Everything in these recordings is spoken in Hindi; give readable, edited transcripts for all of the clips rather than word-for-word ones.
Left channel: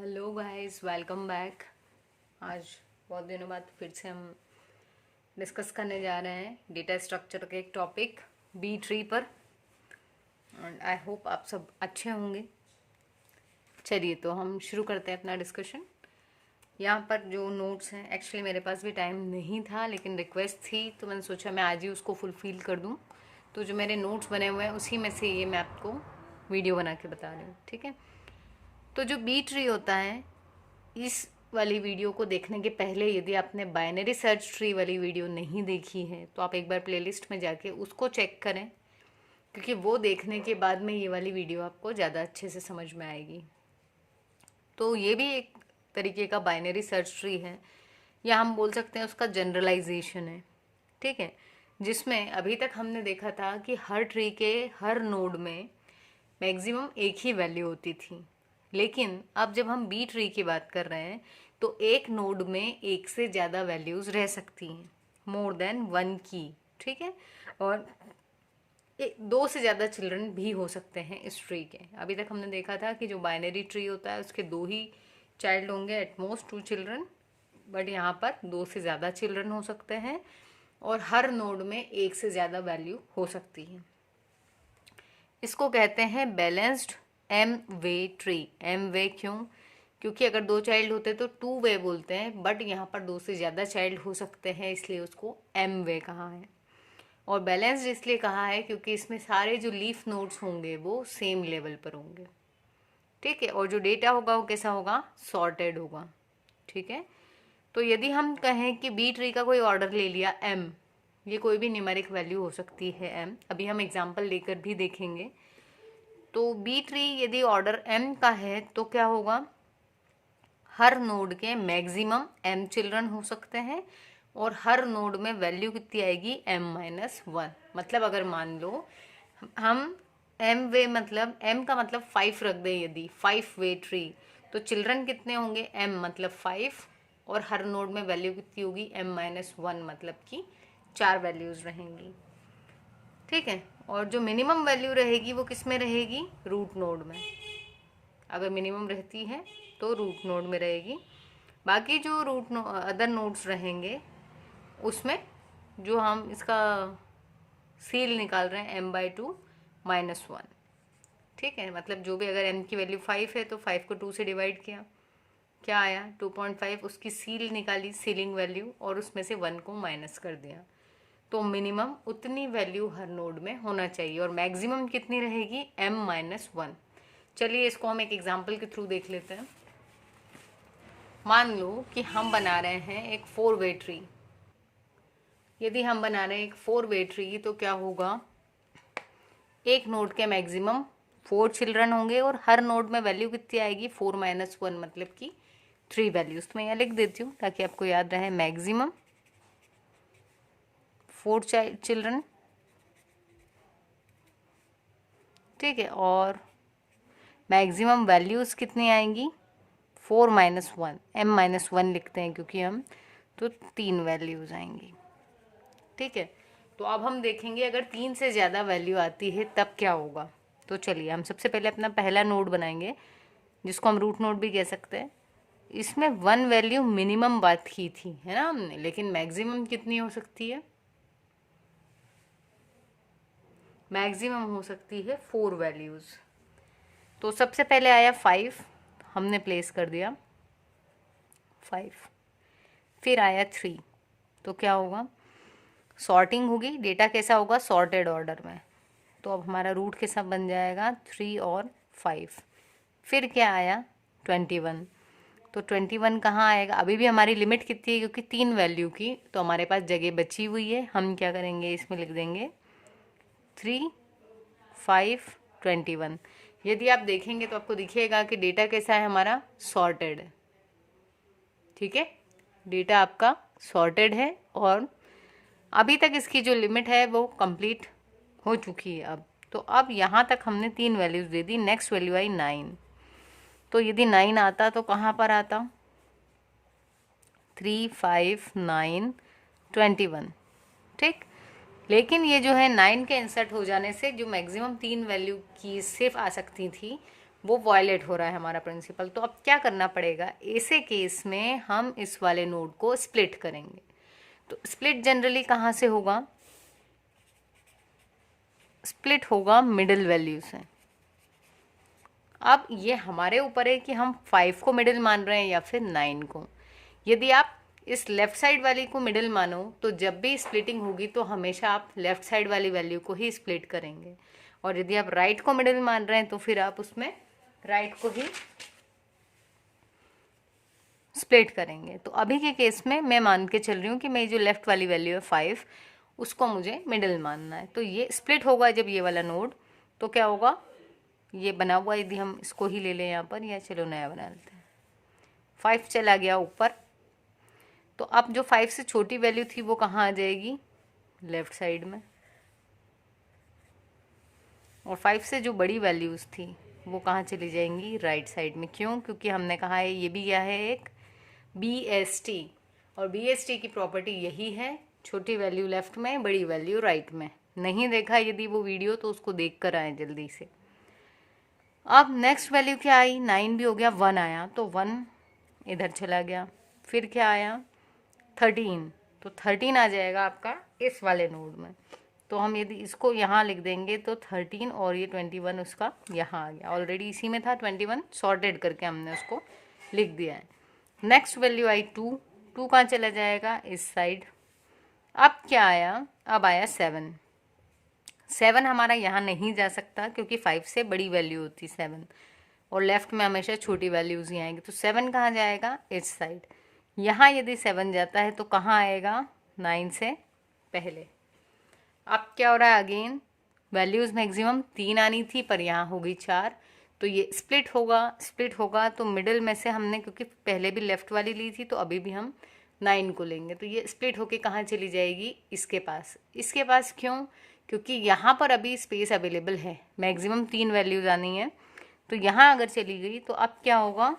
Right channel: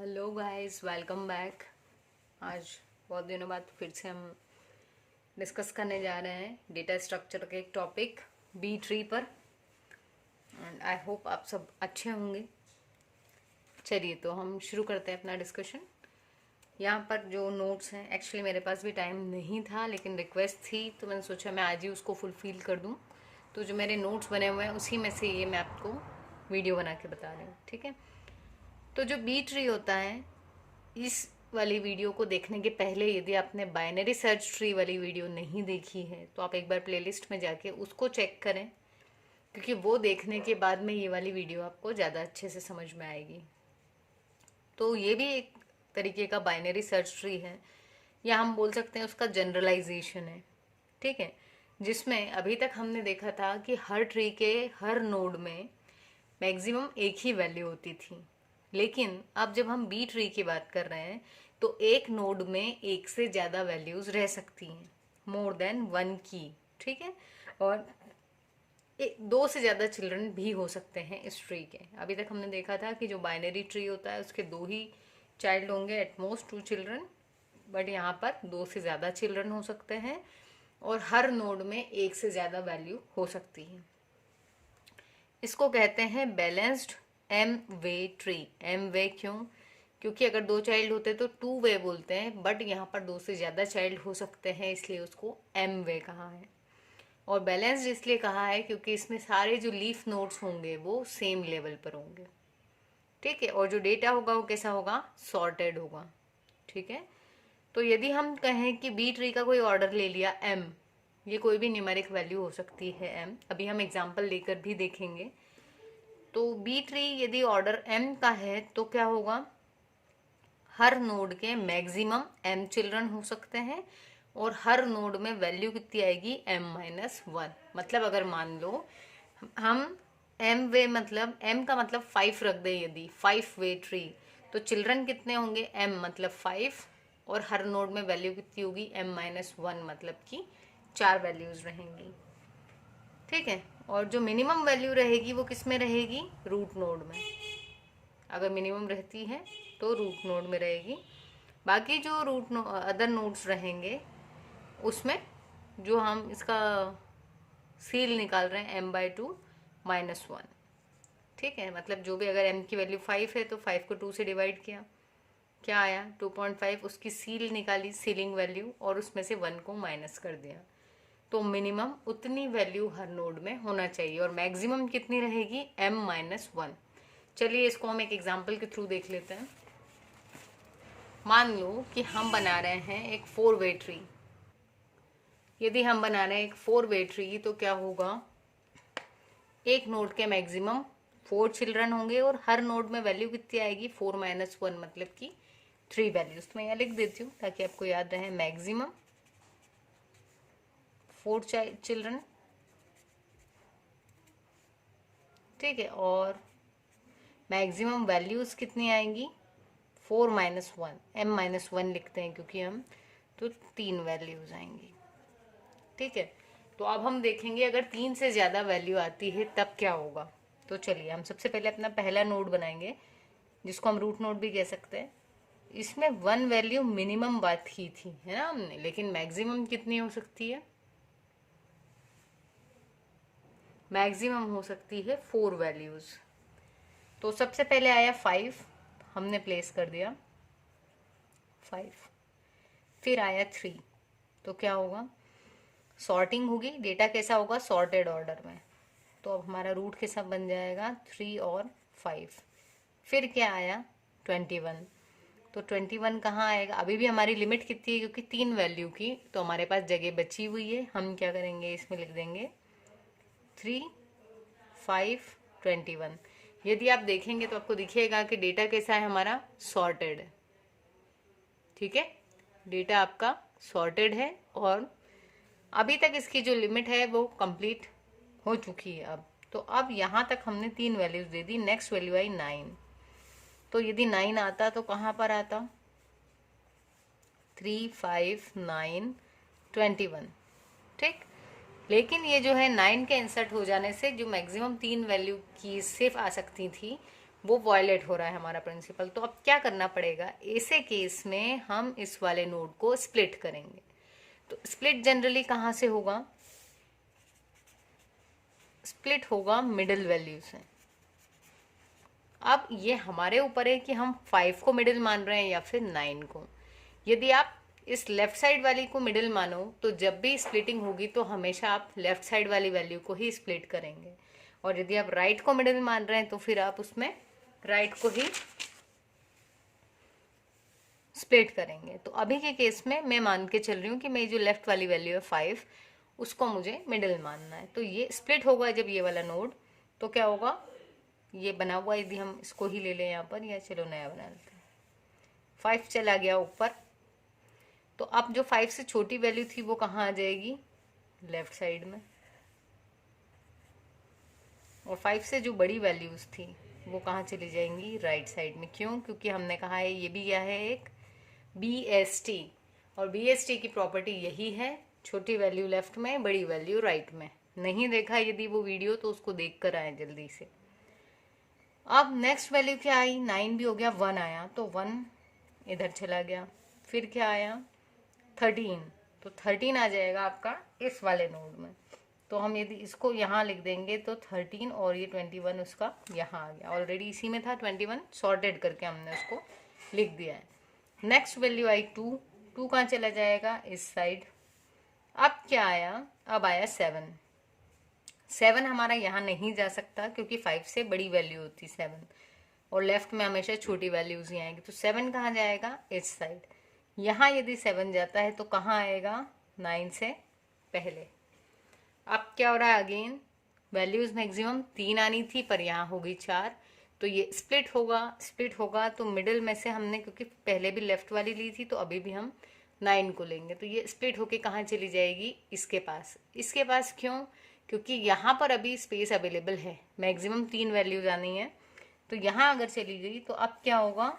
Hello guys, welcome back. आज बहुत दिनों बाद फिर से हम डिस्कस करने जा रहे हैं डेटा स्ट्रक्चर के एक टॉपिक बी ट्री पर। एंड आई होप आप सब अच्छे होंगे। चलिए तो हम शुरू करते हैं अपना डिस्कशन। यहाँ पर जो नोट्स हैं, एक्चुअली मेरे पास भी टाइम नहीं था लेकिन रिक्वेस्ट थी तो मैंने सोचा मैं आज ही उसको फुलफिल कर दूँ। तो जो मेरे नोट्स बने हुए हैं उसी में से ये मैं आपको वीडियो बना के बता रही हूँ, ठीक है। तो जो बी ट्री होता है, इस वाली वीडियो को देखने के पहले यदि आपने बाइनरी सर्च ट्री वाली वीडियो नहीं देखी है तो आप एक बार प्लेलिस्ट में जाके उसको चेक करें, क्योंकि वो देखने के बाद में ये वाली वीडियो आपको ज़्यादा अच्छे से समझ में आएगी। तो ये भी एक तरीके का बाइनरी सर्च ट्री है, या हम बोल सकते हैं उसका जनरलाइजेशन है, ठीक है। जिसमें अभी तक हमने देखा था कि हर ट्री के हर नोड में मैक्सिमम एक ही वैल्यू होती थी, लेकिन अब जब हम बी ट्री की बात कर रहे हैं तो एक नोड में एक से ज़्यादा वैल्यूज रह सकती हैं, मोर देन वन की, ठीक है। और दो से ज़्यादा चिल्ड्रन भी हो सकते हैं इस ट्री के। अभी तक हमने देखा था कि जो बाइनरी ट्री होता है उसके दो ही चाइल्ड होंगे, एटमोस्ट 2 चिल्ड्रन, बट यहाँ पर दो से ज़्यादा चिल्ड्रन हो सकते हैं और हर नोड में एक से ज़्यादा वैल्यू हो सकती है। इसको कहते हैं बैलेंस्ड एम वे ट्री। एम वे क्यों? क्योंकि अगर दो चाइल्ड होते तो 2 वे बोलते हैं, बट यहाँ पर दो से ज़्यादा चाइल्ड हो सकते हैं इसलिए उसको एम वे कहा है। और बैलेंस्ड इसलिए कहा है क्योंकि इसमें सारे जो लीफ नोड्स होंगे वो सेम लेवल पर होंगे, ठीक है। और जो डेटा होगा वो कैसा होगा? सॉर्टेड होगा, ठीक है। तो यदि हम कहें कि बी ट्री का कोई ऑर्डर ले लिया एम, ये कोई भी न्यूमेरिक वैल्यू हो सकती है एम, अभी हम एग्जाम्पल लेकर भी देखेंगे। तो बी ट्री यदि ऑर्डर एम का है तो क्या होगा? हर नोड के मैक्सिमम एम चिल्ड्रन हो सकते हैं और हर नोड में वैल्यू कितनी आएगी? m-1। मतलब अगर मान लो हम एम वे, मतलब एम का मतलब 5 रख दें, यदि 5 वे ट्री, तो चिल्ड्रन कितने होंगे? m मतलब 5, और हर नोड में वैल्यू कितनी होगी? m-1, मतलब कि 4 वैल्यूज रहेंगी, ठीक है। और जो मिनिमम वैल्यू रहेगी वो किस में रहेगी? रूट नोड में। अगर मिनिमम रहती है तो रूट नोड में रहेगी। बाकी जो अदर नोड्स रहेंगे उसमें जो हम इसका सील निकाल रहे हैं m/2 -1, ठीक है। मतलब जो भी, अगर m की वैल्यू 5 है तो 5 को 2 से डिवाइड किया, क्या आया? 2.5। उसकी सील निकाली, सीलिंग वैल्यू, और उसमें से 1 को माइनस कर दिया। तो मिनिमम उतनी वैल्यू हर नोड में होना चाहिए और मैक्सिमम कितनी रहेगी? m-1। चलिए इसको हम एक एग्जाम्पल के थ्रू देख लेते हैं। मान लो कि हम बना रहे हैं एक 4 वे ट्री। यदि हम बना रहे हैं एक 4 वे ट्री तो क्या होगा? एक नोड के मैक्सिमम 4 चिल्ड्रन होंगे और हर नोड में वैल्यू कितनी आएगी? 4 - 1, मतलब कि 3 वैल्यूज। तो मैं यहाँ लिख देती हूँ ताकि आपको याद रहे। मैक्सिमम 4 चिल्ड्रन, ठीक है। और मैक्सिमम वैल्यूज कितनी आएंगी? 4 - 1, m-1 लिखते हैं क्योंकि हम, तो 3 वैल्यूज आएंगी, ठीक है। तो अब हम देखेंगे अगर 3 से ज़्यादा वैल्यू आती है तब क्या होगा। तो चलिए हम सबसे पहले अपना पहला नोड बनाएंगे जिसको हम रूट नोड भी कह सकते हैं। इसमें 1 वैल्यू मिनिमम बात की थी, है ना हमने, लेकिन मैक्सिमम कितनी हो सकती है? मैक्सिमम हो सकती है 4 वैल्यूज। तो सबसे पहले आया 5, हमने प्लेस कर दिया 5। फिर आया 3, तो क्या होगा? सॉर्टिंग होगी, डेटा कैसा होगा? सॉर्टेड ऑर्डर में। तो अब हमारा रूट कैसा बन जाएगा? 3 और 5। फिर क्या आया? 21। तो 21 कहाँ आएगा? अभी भी हमारी लिमिट कितनी है? क्योंकि 3 वैल्यू की, तो हमारे पास जगह बची हुई है। हम क्या करेंगे? इसमें लिख देंगे 3, 5, 21। यदि आप देखेंगे तो आपको दिखेगा कि डेटा कैसा है हमारा? सॉर्टेड है, ठीक है। डेटा आपका सॉर्टेड है और अभी तक इसकी जो लिमिट है वो कंप्लीट हो चुकी है अब। तो अब यहाँ तक हमने 3 वैल्यूज दे दी। नेक्स्ट वैल्यू आई 9। तो यदि 9 आता तो कहाँ पर आता? 3, 5, 9, 21, ठीक। लेकिन ये जो है 9 के इंसर्ट हो जाने से जो मैक्सिमम 3 वैल्यू की सिर्फ आ सकती थी वो वायलेट हो रहा है हमारा प्रिंसिपल। तो अब क्या करना पड़ेगा, ऐसे केस में हम इस वाले नोड को स्प्लिट करेंगे। तो स्प्लिट जनरली कहाँ से होगा, स्प्लिट होगा मिडिल वैल्यू से। अब ये हमारे ऊपर है कि हम 5 को मिडिल मान रहे हैं या फिर 9 को। यदि आप इस लेफ्ट साइड वाली को मिडिल मानो तो जब भी स्प्लिटिंग होगी तो हमेशा आप लेफ्ट साइड वाली वैल्यू को ही स्प्लिट करेंगे, और यदि आप राइट को मिडिल मान रहे हैं तो फिर आप उसमें राइट को ही स्प्लिट करेंगे। तो अभी के केस में मैं मान के चल रही हूँ कि मैं जो लेफ्ट वाली वैल्यू है 5, उसको मुझे मिडिल मानना है। तो ये स्प्लिट होगा जब ये वाला नोड, तो क्या होगा, ये बना हुआ, यदि हम इसको ही ले लें यहाँ पर, या चलो नया बना लेते हैं। 5 चला गया ऊपर, तो अब जो 5 से छोटी वैल्यू थी वो कहाँ आ जाएगी, लेफ्ट साइड में। और 5 से जो बड़ी वैल्यूज थी वो कहाँ चली जाएंगी, राइट साइड में। क्यों, क्योंकि हमने कहा है ये भी क्या है, एक BST, और BST की प्रॉपर्टी यही है, छोटी वैल्यू लेफ्ट में, बड़ी वैल्यू राइट में। नहीं देखा यदि वो वीडियो तो उसको देख कर आए जल्दी से। अब नेक्स्ट वैल्यू क्या आई, 9 भी हो गया, 1 आया, तो 1 इधर चला गया। फिर क्या आया, 13, तो 13 आ जाएगा आपका इस वाले नोड में। तो हम यदि इसको यहाँ लिख देंगे तो 13 और ये 21 उसका यहाँ आ गया, ऑलरेडी इसी में था 21, सॉर्टेड करके हमने उसको लिख दिया है। नेक्स्ट वैल्यू आई 2, 2 कहाँ चला जाएगा, इस साइड। अब क्या आया, अब आया 7, 7 हमारा यहाँ नहीं जा सकता क्योंकि 5 से बड़ी वैल्यू होती 7, और लेफ्ट में हमेशा छोटी वैल्यूज ही आएंगी। तो 7 कहाँ जाएगा, इस साइड। यहाँ यदि 7 जाता है तो कहाँ आएगा, 9 से पहले। अब क्या हो रहा है, अगेन वैल्यूज मैक्सिमम 3 आनी थी पर यहाँ होगी 4, तो ये स्प्लिट होगा। स्प्लिट होगा तो मिडिल में से हमने, क्योंकि पहले भी लेफ्ट वाली ली थी तो अभी भी हम 9 को लेंगे, तो ये स्प्लिट होके कहाँ चली जाएगी, इसके पास। इसके पास क्यों, क्योंकि यहाँ पर अभी स्पेस अवेलेबल है, मैक्सिमम 3 वैल्यूज आनी है। तो यहाँ अगर चली गई तो अब क्या होगा,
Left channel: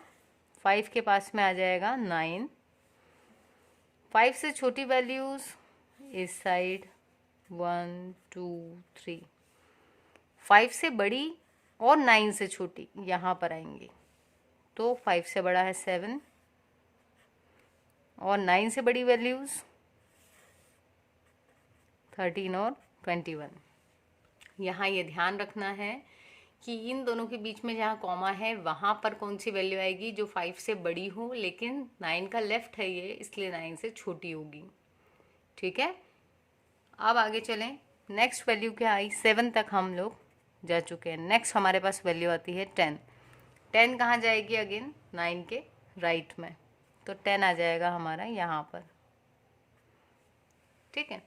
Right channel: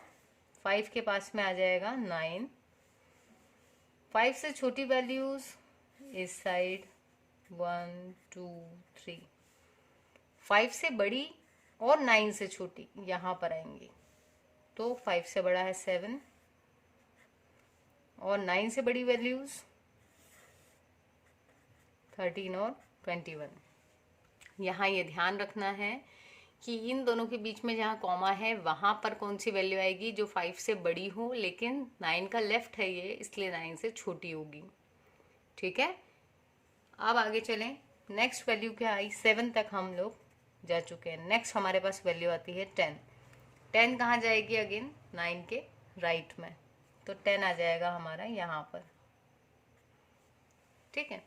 5 के पास में आ जाएगा 9, 5 से छोटी वैल्यूज इस साइड 1 2 3, 5 से बड़ी और 9 से छोटी यहाँ पर आएंगी। तो 5 से बड़ा है 7, और 9 से बड़ी वैल्यूज 13 और 21। यहाँ ये ध्यान रखना है कि इन दोनों के बीच में जहाँ कॉमा है वहाँ पर कौन सी वैल्यू आएगी, जो 5 से बड़ी हो, लेकिन 9 का लेफ्ट है ये, इसलिए 9 से छोटी होगी। ठीक है, अब आगे चलें। नेक्स्ट वैल्यू क्या आई, 7 तक हम लोग जा चुके हैं। नेक्स्ट हमारे पास वैल्यू आती है 10, 10 कहाँ जाएगी, अगेन 9 के राइट में, तो 10 आ जाएगा हमारा यहाँ पर। ठीक है,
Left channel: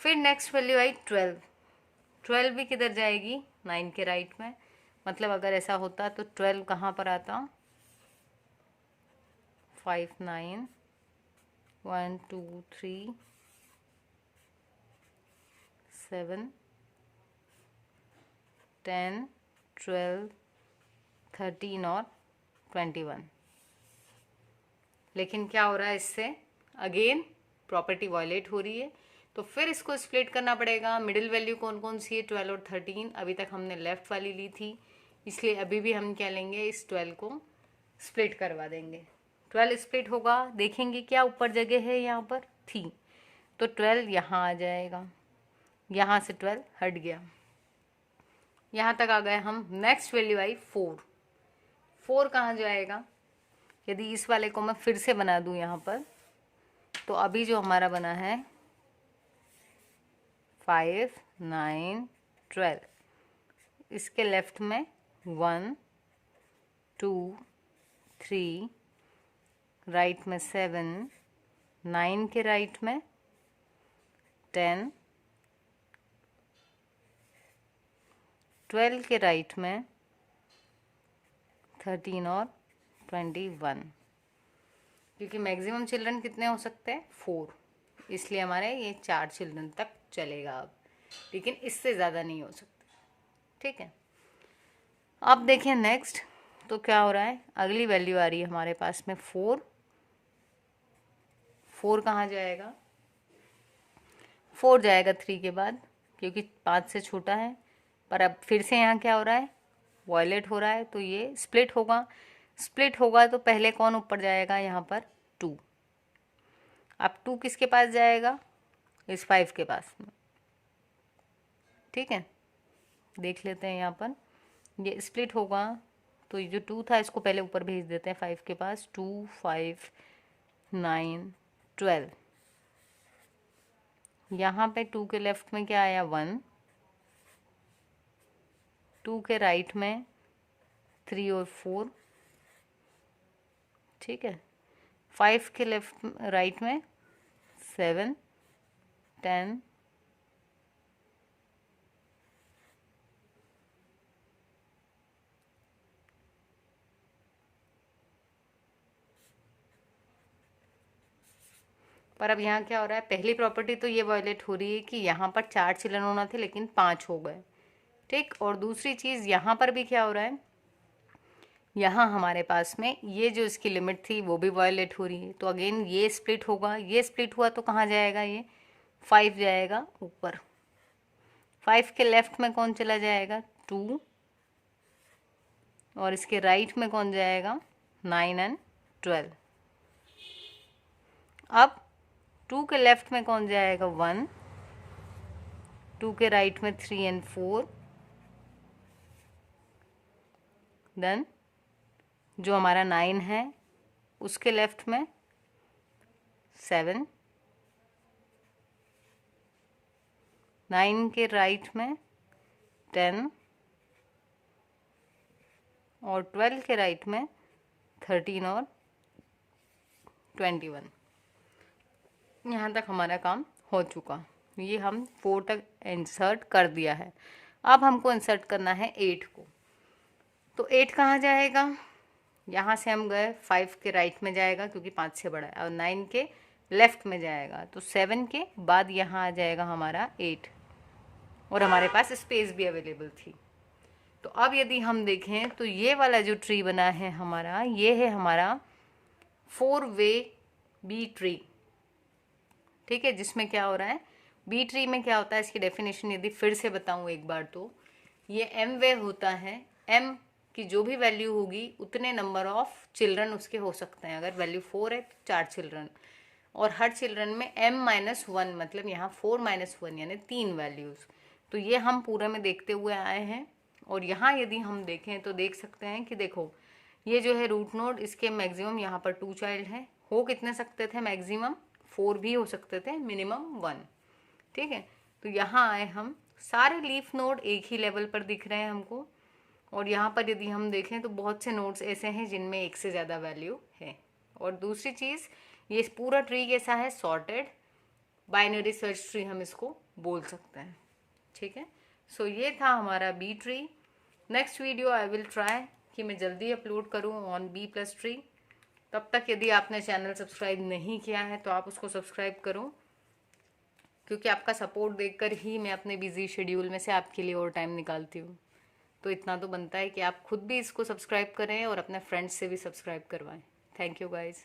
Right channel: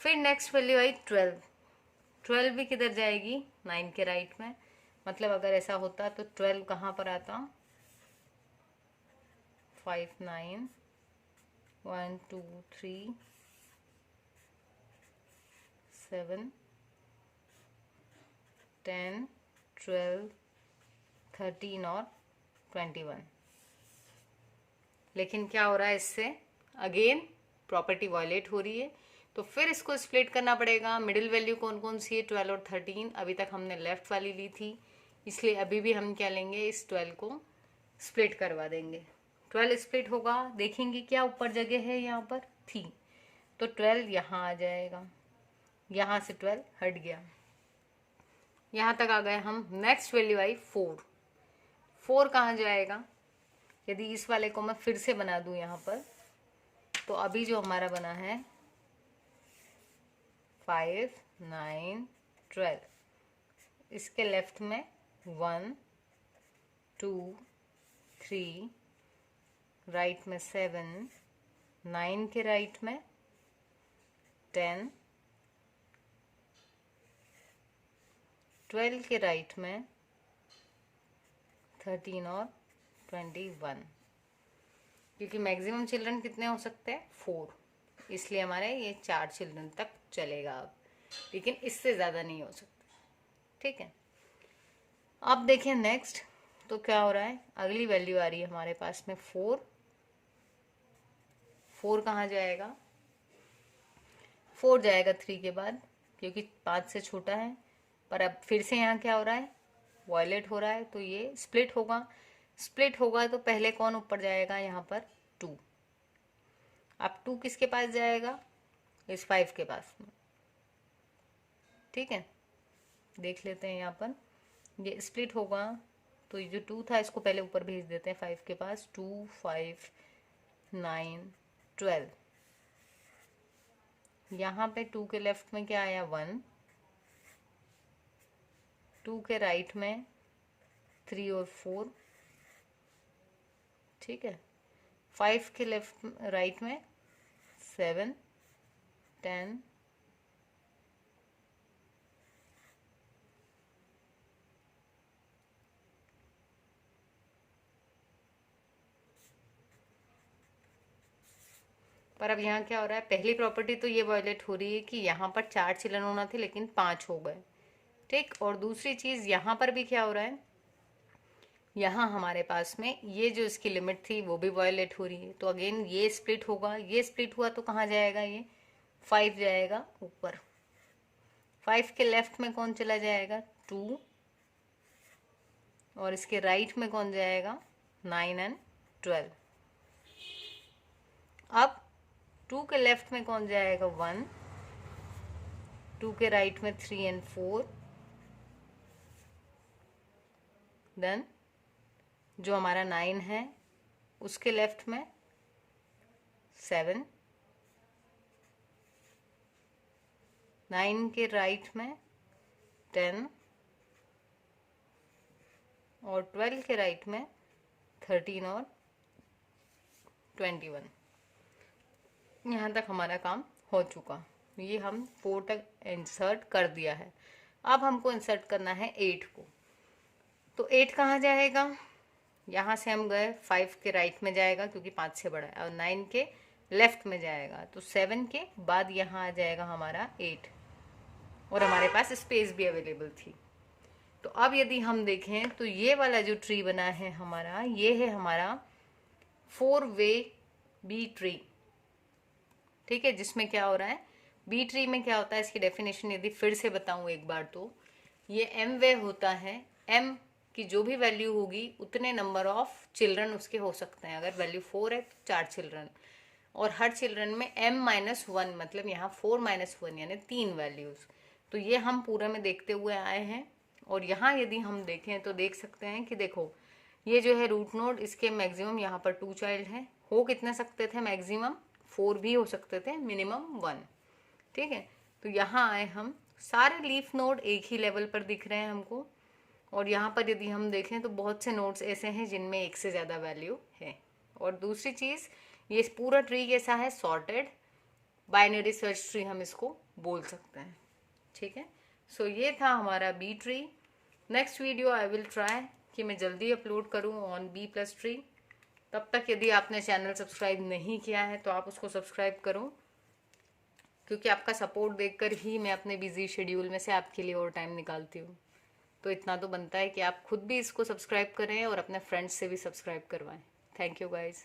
फिर नेक्स्ट वैल्यू आई 12, 12 भी किधर जाएगी, 9 के राइट में। मतलब अगर ऐसा होता तो 12 कहाँ पर आता, 5 9 1 2 3 7 10 12 13 और 21। लेकिन क्या हो रहा है इससे, अगेन प्रॉपर्टी वायलेट हो रही है, तो फिर इसको स्प्लिट करना पड़ेगा। मिडिल वैल्यू कौन कौन सी है, 12 और 13। अभी तक हमने लेफ्ट वाली ली थी, इसलिए अभी भी हम क्या लेंगे, इस 12 को स्प्लिट करवा देंगे। 12 स्प्लिट होगा, देखेंगे क्या ऊपर जगह है, यहाँ पर थी, तो 12 यहाँ आ जाएगा, यहाँ से 12 हट गया, यहाँ तक आ गए हम। नेक्स्ट वैल्यू आई 4, 4 कहाँ जाएगा, यदि इस वाले को मैं फिर से बना दूं यहाँ पर, तो अभी जो हमारा बना है 5 9 12, इसके लेफ्ट में 1 2 3, राइट में 7, 9 के राइट में 10, 12 के राइट में 13 और 21। क्योंकि मैक्सिमम चिल्ड्रन कितने हो सकते हैं, 4, इसलिए हमारे ये 4 चिल्ड्रन तक चलेगा अब, लेकिन इससे ज़्यादा नहीं हो सकता। ठीक है, अब देखें नेक्स्ट, तो क्या हो रहा है, अगली वैल्यू आ रही है हमारे पास में 4, 4 कहाँ जाएगा, 4 जाएगा 3 के बाद, क्योंकि 5 से छोटा है। पर अब फिर से यहाँ क्या हो रहा है, वॉयलेट हो रहा है, तो ये स्प्लिट होगा। स्प्लिट होगा तो पहले कौन ऊपर जाएगा, यहाँ पर 2। अब 2 किसके पास जाएगा, इस 5 के पास में। ठीक है, देख लेते हैं यहाँ पर, ये स्प्लिट होगा तो ये जो 2 था इसको पहले ऊपर भेज देते हैं 5 के पास। 2 5 9 12। यहाँ पे 2 के लेफ्ट में क्या आया, 1। 2 के राइट में 3 और 4। ठीक है, 5 के लेफ्ट राइट में 7 10 पर अब यहाँ क्या हो रहा है, पहली प्रॉपर्टी तो ये वायलेट हो रही है कि यहाँ पर 4 चिल्ड्रन होना थे लेकिन 5 हो गए। ठीक, और दूसरी चीज़ यहाँ पर भी क्या हो रहा है, यहाँ हमारे पास में ये जो इसकी लिमिट थी वो भी वायलेट हो रही है। तो अगेन ये स्प्लिट होगा, ये स्प्लिट हुआ तो कहाँ जाएगा, ये 5 जाएगा ऊपर। 5 के लेफ्ट में कौन चला जाएगा, 2। और इसके राइट में कौन जाएगा, 9 एंड 12। अब 2 के लेफ्ट में कौन जाएगा, 1। 2 के राइट में 3 एंड 4। देन जो हमारा 9 है उसके लेफ्ट में 7। 9 के राइट में 10 और 12 के राइट में 13 और 21। यहाँ तक हमारा काम हो चुका। ये हम 4 तक इंसर्ट कर दिया है। अब हमको इंसर्ट करना है 8 को। तो 8 कहाँ जाएगा, यहाँ से हम गए 5 के राइट में जाएगा क्योंकि 5 से बड़ा है, और 9 के लेफ्ट में जाएगा। तो 7 के बाद यहाँ आ जाएगा हमारा 8, और हमारे पास स्पेस भी अवेलेबल थी। तो अब यदि हम देखें तो ये वाला जो ट्री बना है हमारा, ये है हमारा 4 वे बी ट्री। ठीक है, जिसमें क्या हो रहा है, बी ट्री में क्या होता है, इसकी डेफिनेशन यदि फिर से बताऊं एक बार, तो ये एम वे होता है। एम की जो भी वैल्यू होगी उतने नंबर ऑफ चिल्ड्रन उसके हो सकते हैं। अगर वैल्यू 4 है तो 4 चिल्ड्रन, और हर चिल्ड्रन में m-1, मतलब यहाँ 4-1 यानी 3 वैल्यूज। तो ये हम पूरे में देखते हुए आए हैं। और यहाँ यदि हम देखें तो देख सकते हैं कि देखो, ये जो है रूट नोड, इसके मैक्सिमम यहाँ पर 2 चाइल्ड हैं। हो कितने सकते थे, मैक्सिमम 4 भी हो सकते थे, मिनिमम 1। ठीक है, तो यहाँ आए हम, सारे लीफ नोड एक ही लेवल पर दिख रहे हैं हमको। और यहाँ पर यदि हम देखें तो बहुत से नोड्स ऐसे हैं जिनमें एक से ज़्यादा वैल्यू है। और दूसरी चीज़, ये पूरा ट्री कैसा है, सॉर्टेड बाइनरी सर्च ट्री हम इसको बोल सकते हैं। ठीक है, सो ये था हमारा B tree. Next video I will try कि मैं जल्दी अपलोड करूँ ऑन बी प्लस ट्री। तब तक यदि आपने चैनल सब्सक्राइब नहीं किया है तो आप उसको सब्सक्राइब करो, क्योंकि आपका सपोर्ट देखकर ही मैं अपने बिजी शेड्यूल में से आपके लिए और टाइम निकालती हूँ। तो इतना तो बनता है कि आप खुद भी इसको सब्सक्राइब करें और अपने फ्रेंड्स से भी सब्सक्राइब करवाएं। Thank you guys.